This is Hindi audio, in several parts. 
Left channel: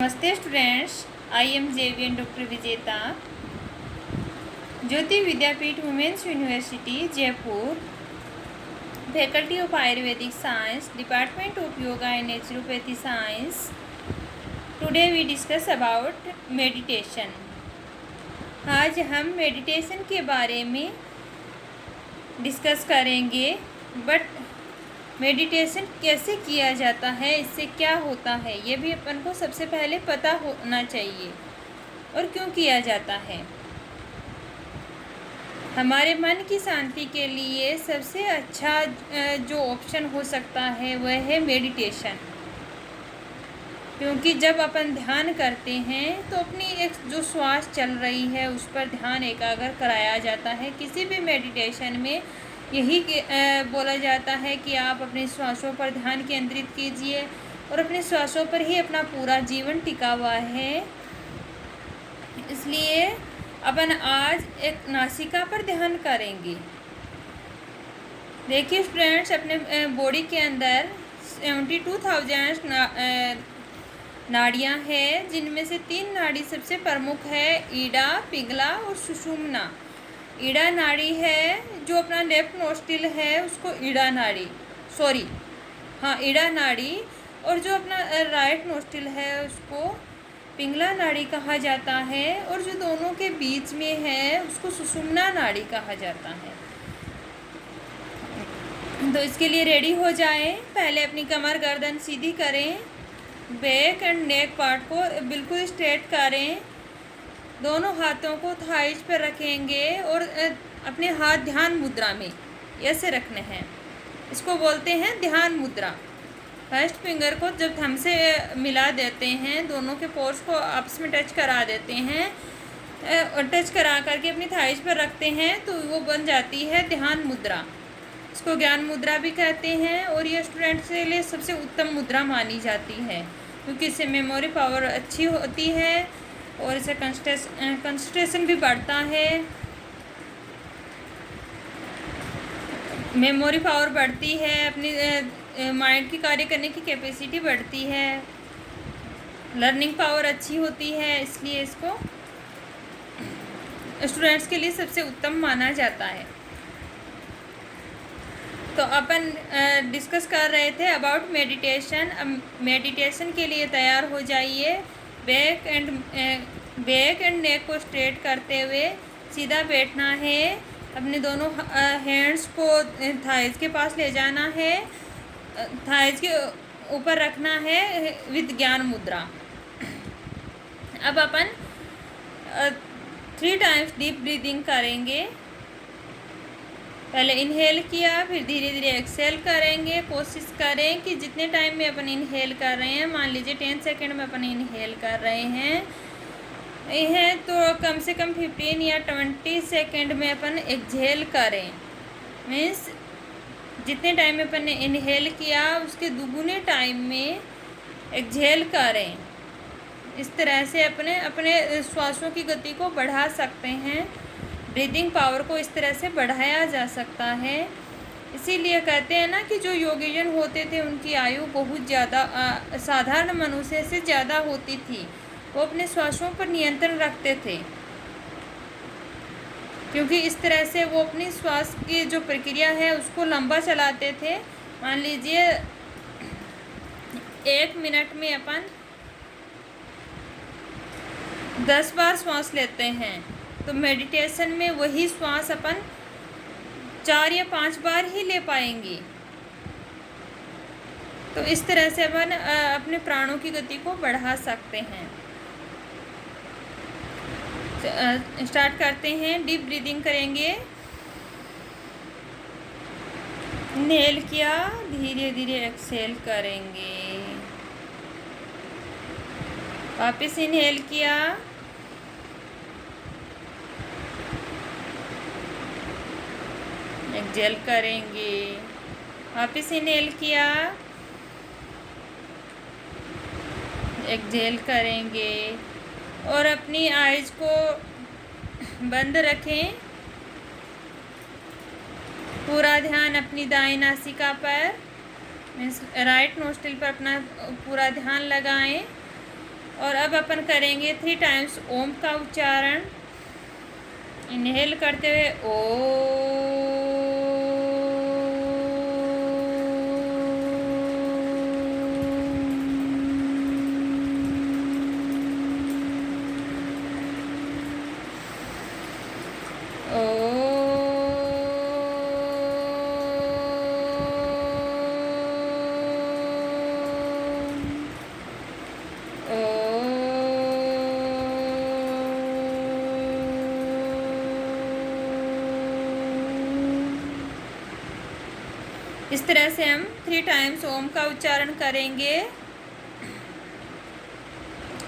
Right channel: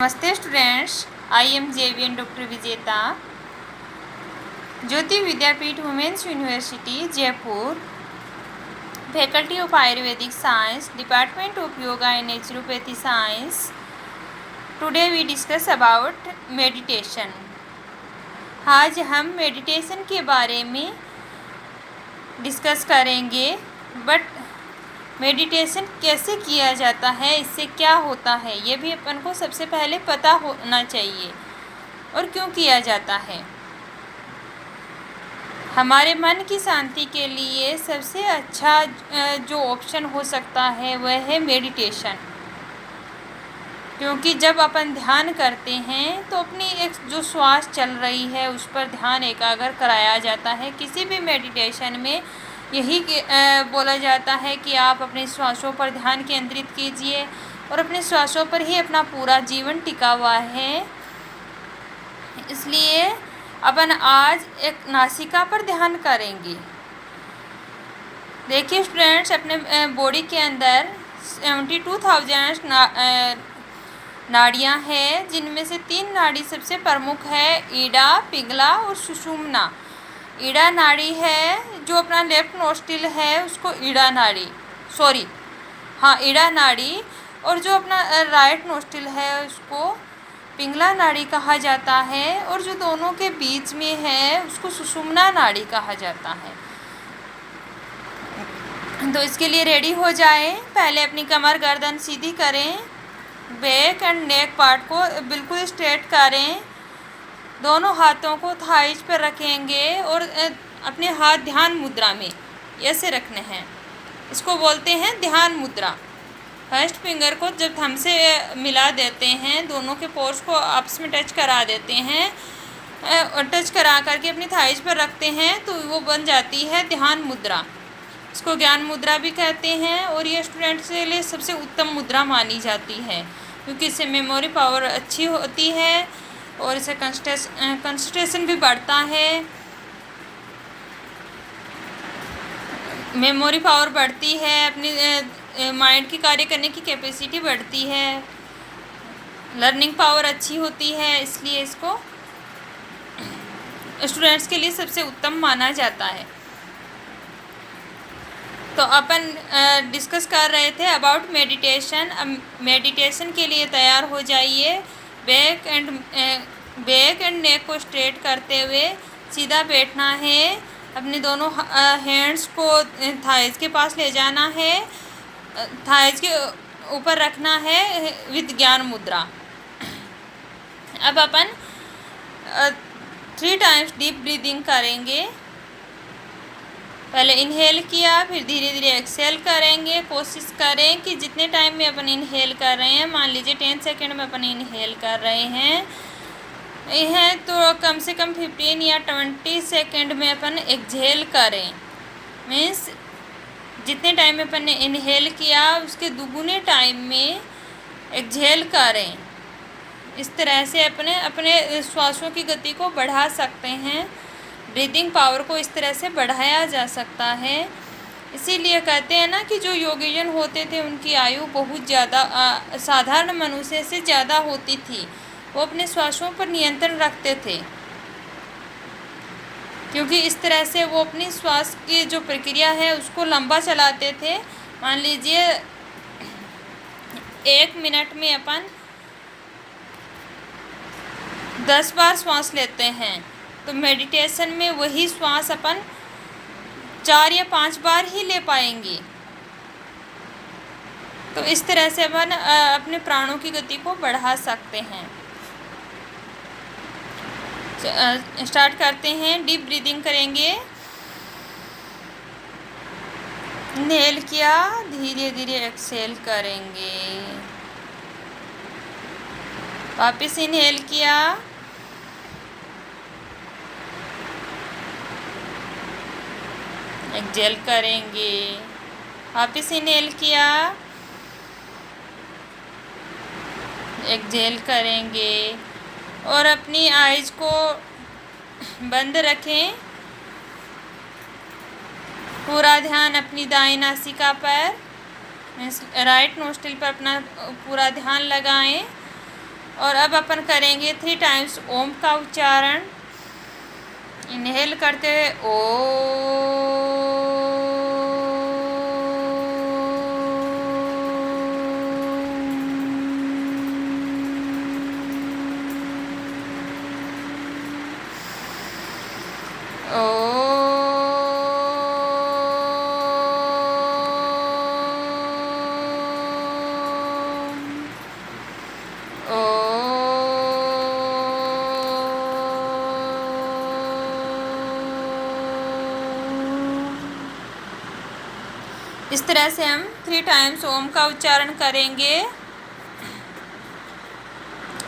नमस्ते students, I am JVN doctor Vijeta, Jyoti Vidyapeeth women's university Jaipur, faculty of Ayurvedic science, department of yoga and naturopathy science. Today we discuss about meditation. आज हम मेडिटेशन के बारे में डिस्कस करेंगे। बट मेडिटेशन कैसे किया जाता है, इससे क्या होता है, ये भी अपन को सबसे पहले पता होना चाहिए और क्यों किया जाता है। हमारे मन की शांति के लिए सबसे अच्छा जो ऑप्शन हो सकता है वह है मेडिटेशन। क्योंकि जब अपन ध्यान करते हैं तो अपनी एक जो श्वास चल रही है उस पर ध्यान एकाग्र कराया जाता है। किसी भी मेडिटेशन में यही बोला जाता है कि आप अपने श्वासों पर ध्यान केंद्रित कीजिए और अपने श्वासों पर ही अपना पूरा जीवन टिका हुआ है। इसलिए अपन आज एक नासिका पर ध्यान करेंगे। देखिए स्टूडेंट्स, अपने बॉडी के अंदर 72,000 नाड़ियाँ हैं, जिनमें से 3 नाड़ी सबसे प्रमुख है, ईडा, पिंगला और सुषुम्ना। ईडा नाड़ी है जो अपना लेफ्ट नोस्ट्रिल है उसको ईडा नाड़ी, और जो अपना राइट नोस्ट्रिल है उसको पिंगला नाड़ी कहा जाता है, और जो दोनों के बीच में है उसको सुषुम्ना नाड़ी कहा जाता है। तो इसके लिए रेडी हो जाएं। पहले अपनी कमर गर्दन सीधी करें, बैक एंड नेक पार्ट को बिल्कुल स्ट्रेट करें, दोनों हाथों को थाइज पर रखेंगे और अपने हाथ ध्यान मुद्रा में ऐसे रखने हैं। इसको बोलते हैं ध्यान मुद्रा। फर्स्ट फिंगर को जब थंब से मिला देते हैं, दोनों के पोर्स को आपस में टच करा देते हैं और टच करा करके अपनी थाइज पर रखते हैं तो वो बन जाती है ध्यान मुद्रा। इसको ज्ञान मुद्रा भी कहते हैं और ये स्टूडेंट्स के लिए सबसे उत्तम मुद्रा मानी जाती है, क्योंकि इससे मेमोरी पावर अच्छी होती है और इससे कंसंट्रेशन भी बढ़ता है। मेमोरी पावर बढ़ती है, अपनी माइंड की कार्य करने की कैपेसिटी बढ़ती है, लर्निंग पावर अच्छी होती है। इसलिए इसको स्टूडेंट्स के लिए सबसे उत्तम माना जाता है। तो अपन डिस्कस कर रहे थे अबाउट मेडिटेशन। अब मेडिटेशन के लिए तैयार हो जाइए। बैक एंड नेक को स्ट्रेट करते हुए सीधा बैठना है। अपने दोनों हैंड्स को थाइज के पास ले जाना है, थाइज के ऊपर रखना है विद ज्ञान मुद्रा। अब अपन 3 टाइम्स डीप ब्रीदिंग करेंगे। पहले इनहेल किया, फिर धीरे धीरे एक्सेल करेंगे। कोशिश करें कि जितने टाइम में अपन इनहेल कर रहे हैं, मान लीजिए 10 सेकेंड में अपन इनहेल कर रहे हैं तो कम से कम 15 या 20 सेकेंड में अपन एक्सहेल करें। मीन्स जितने टाइम में अपन ने इनहेल किया उसके दुगुने टाइम में एक्सहेल करें। इस तरह से अपने श्वासों की गति को बढ़ा सकते हैं। ब्रीदिंग पावर को इस तरह से बढ़ाया जा सकता है। इसीलिए कहते हैं ना कि जो योगीजन होते थे उनकी आयु बहुत ज़्यादा साधारण मनुष्य से ज़्यादा होती थी। वो अपने श्वासों पर नियंत्रण रखते थे, क्योंकि इस तरह से वो अपनी श्वास की जो प्रक्रिया है उसको लंबा चलाते थे। मान लीजिए 1 मिनट में अपन 10 बार श्वास लेते हैं, तो मेडिटेशन में वही श्वास अपन 4 या 5 बार ही ले पाएंगे। तो इस तरह से अपन अपने प्राणों की गति को बढ़ा सकते हैं। स्टार्ट करते हैं। डीप ब्रीदिंग करेंगे। इनहेल किया, धीरे धीरे एक्सहेल करेंगे। वापस इनहेल किया, एक्सहेल करेंगे। वापस इनहेल किया, एक्सहेल करेंगे और अपनी आइज़ को बंद रखें। पूरा ध्यान अपनी दाएं नासिका पर, राइट नोस्ट्रिल पर अपना पूरा ध्यान लगाएं और अब अपन करेंगे 3 टाइम्स ओम का उच्चारण। इनहेल करते हुए इस तरह से हम 3 टाइम्स ओम का उच्चारण करेंगे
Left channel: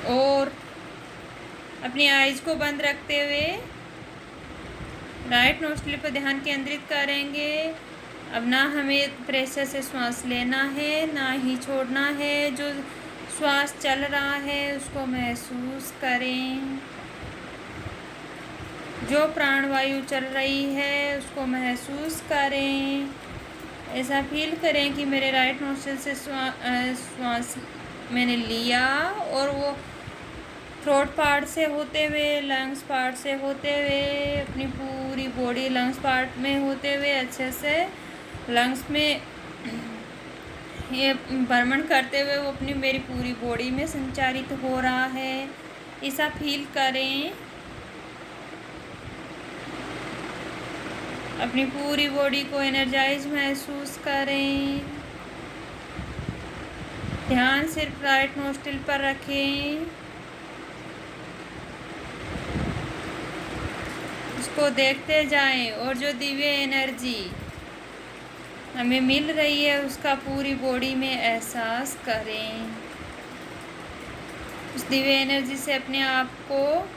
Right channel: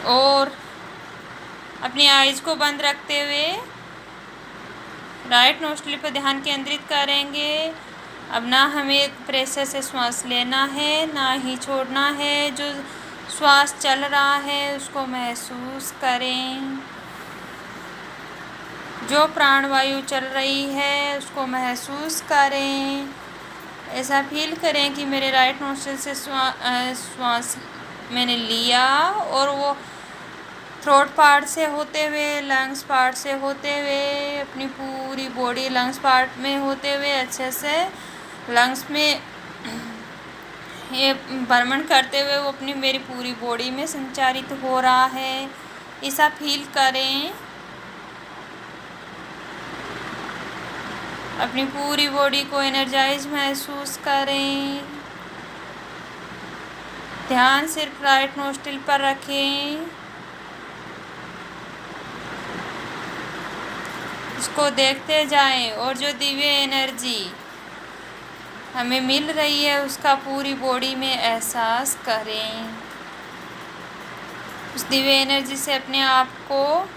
और अपनी आइज को बंद रखते हुए राइट नोस्ट्रिल पर ध्यान केंद्रित करेंगे। अब ना हमें प्रेशर से श्वास लेना है ना ही छोड़ना है। जो श्वास चल रहा है उसको महसूस करें, जो प्राणवायु चल रही है उसको महसूस करें। ऐसा फील करें कि मेरे राइट नोस्ट्रिल से श्वास मैंने लिया और वो थ्रोट पार्ट से होते हुए, लंग्स पार्ट से होते हुए, अपनी पूरी बॉडी लंग्स पार्ट में होते हुए अच्छे से लंग्स में ये भ्रमण करते हुए वो अपनी मेरी पूरी बॉडी में संचारित हो रहा है। ऐसा फील करें। अपनी पूरी बॉडी को एनर्जाइज महसूस करें। ध्यान सिर्फ राइट नोस्ट्रिल पर रखें। इसको देखते जाएं और जो दिव्य एनर्जी हमें मिल रही है उसका पूरी बॉडी में एहसास करें। उस दिव्य एनर्जी से अपने आप को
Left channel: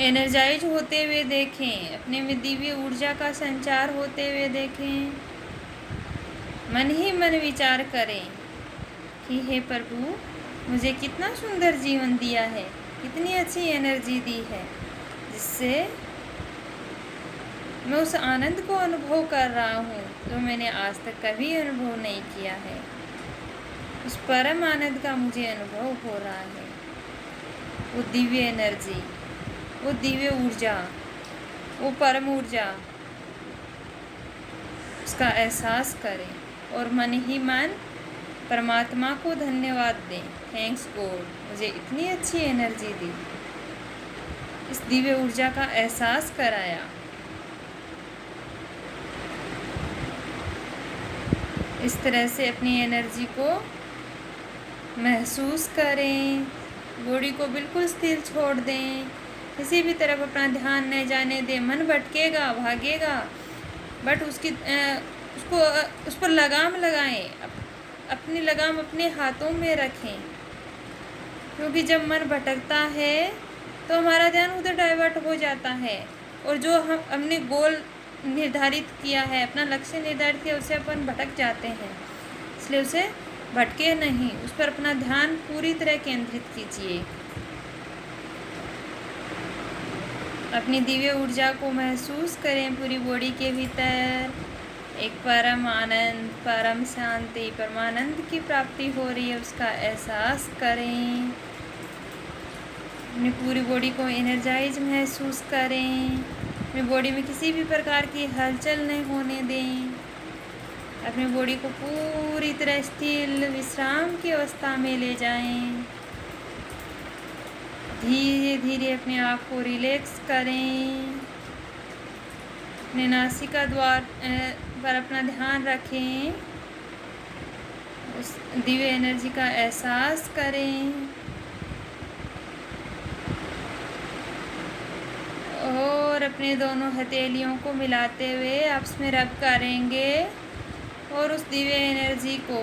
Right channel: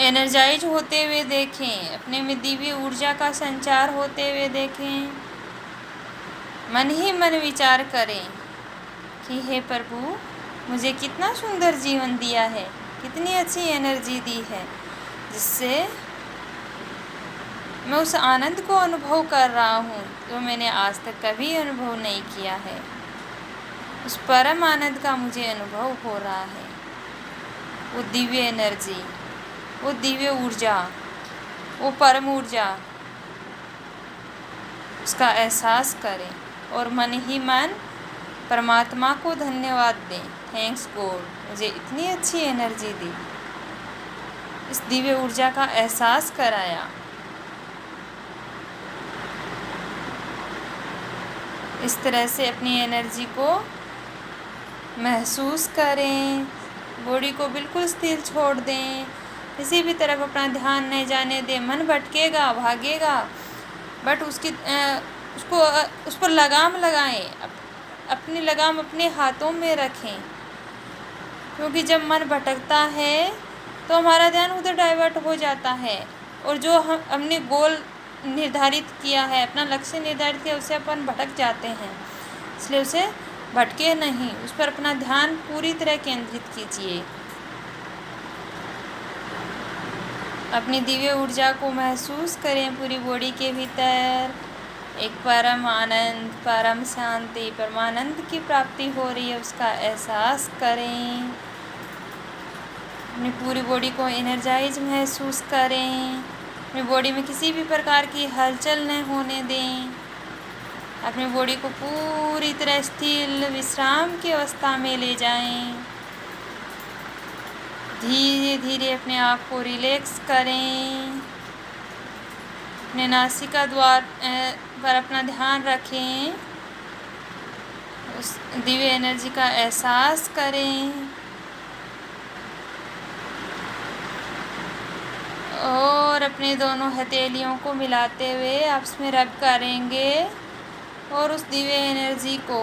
एनर्जाइज होते हुए देखें। अपने में दिव्य ऊर्जा का संचार होते हुए देखें। मन ही मन विचार करें कि हे प्रभु, मुझे कितना सुंदर जीवन दिया है, कितनी अच्छी एनर्जी दी है, जिससे मैं उस आनंद को अनुभव कर रहा हूँ जो मैंने आज तक कभी अनुभव नहीं किया है। उस परम आनंद का मुझे अनुभव हो रहा है। वो दिव्य एनर्जी, वो दिव्य ऊर्जा, वो परम ऊर्जा, उसका एहसास करें और मन ही मन परमात्मा को धन्यवाद दें। थैंक्स गॉड, मुझे इतनी अच्छी एनर्जी दी, इस दिव्य ऊर्जा का एहसास कराया। इस तरह से अपनी एनर्जी को महसूस करें। बॉडी को बिल्कुल स्थिर छोड़ दें। किसी भी तरफ अपना ध्यान न जाने दें। मन भटकेगा, भागेगा, बट उस पर लगाम लगाएं। अपनी लगाम अपने हाथों में रखें, क्योंकि जब मन भटकता है तो हमारा ध्यान उधर डाइवर्ट हो जाता है और जो हमने गोल निर्धारित किया है, अपना लक्ष्य निर्धारित किया, उसे अपन भटक जाते हैं। इसलिए उसे भटके नहीं, उस पर अपना ध्यान पूरी तरह केंद्रित कीजिए। अपनी दिव्य ऊर्जा को महसूस करें पूरी बॉडी के भीतर। एक परम आनंद, परम शांति, परमानंद की प्राप्ति हो रही है, उसका एहसास करें। अपनी पूरी बॉडी को एनर्जाइज महसूस करें। अपनी बॉडी में किसी भी प्रकार की हलचल न होने दें। अपनी बॉडी को पूरी तरह स्थिर विश्राम की अवस्था में ले जाएं। धीरे धीरे अपने आप को रिलैक्स करें। अपने नासिका द्वार पर अपना ध्यान रखें। उस दिव्य एनर्जी का एहसास करें और अपने दोनों हथेलियों को मिलाते हुए आपस में रब करेंगे और उस दिव्य एनर्जी को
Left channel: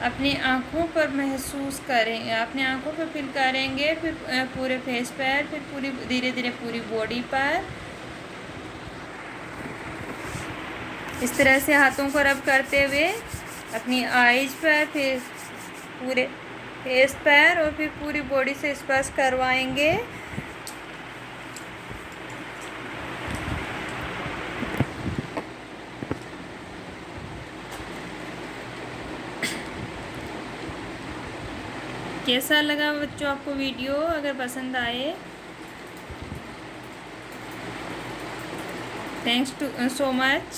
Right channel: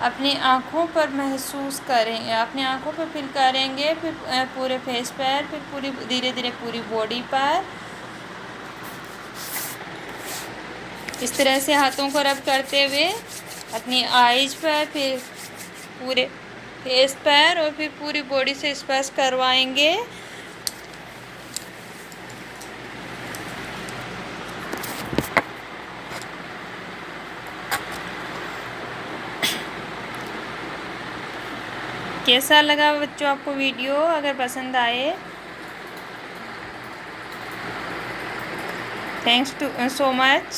अपनी आँखों पर महसूस करें। अपनी आँखों पर फील करेंगे, फिर पूरे फेस पर, फिर पूरी धीरे धीरे पूरी बॉडी पर। इस तरह से हाथों को रब करते हुए अपनी आईज पर, फिर पूरे फेस पर और फिर पूरी बॉडी से स्पर्श करवाएंगे। कैसा लगा बच्चों आपको वीडियो? अगर पसंद आए, थैंक्स टू सो मच।